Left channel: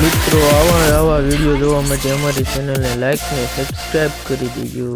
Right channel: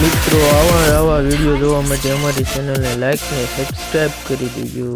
મિત્રો આવા આવા વીડિયો જોવા માટે અમારી ચેનલને લાઈક ને સબસ્ક્રાઈબ કરી દેજો.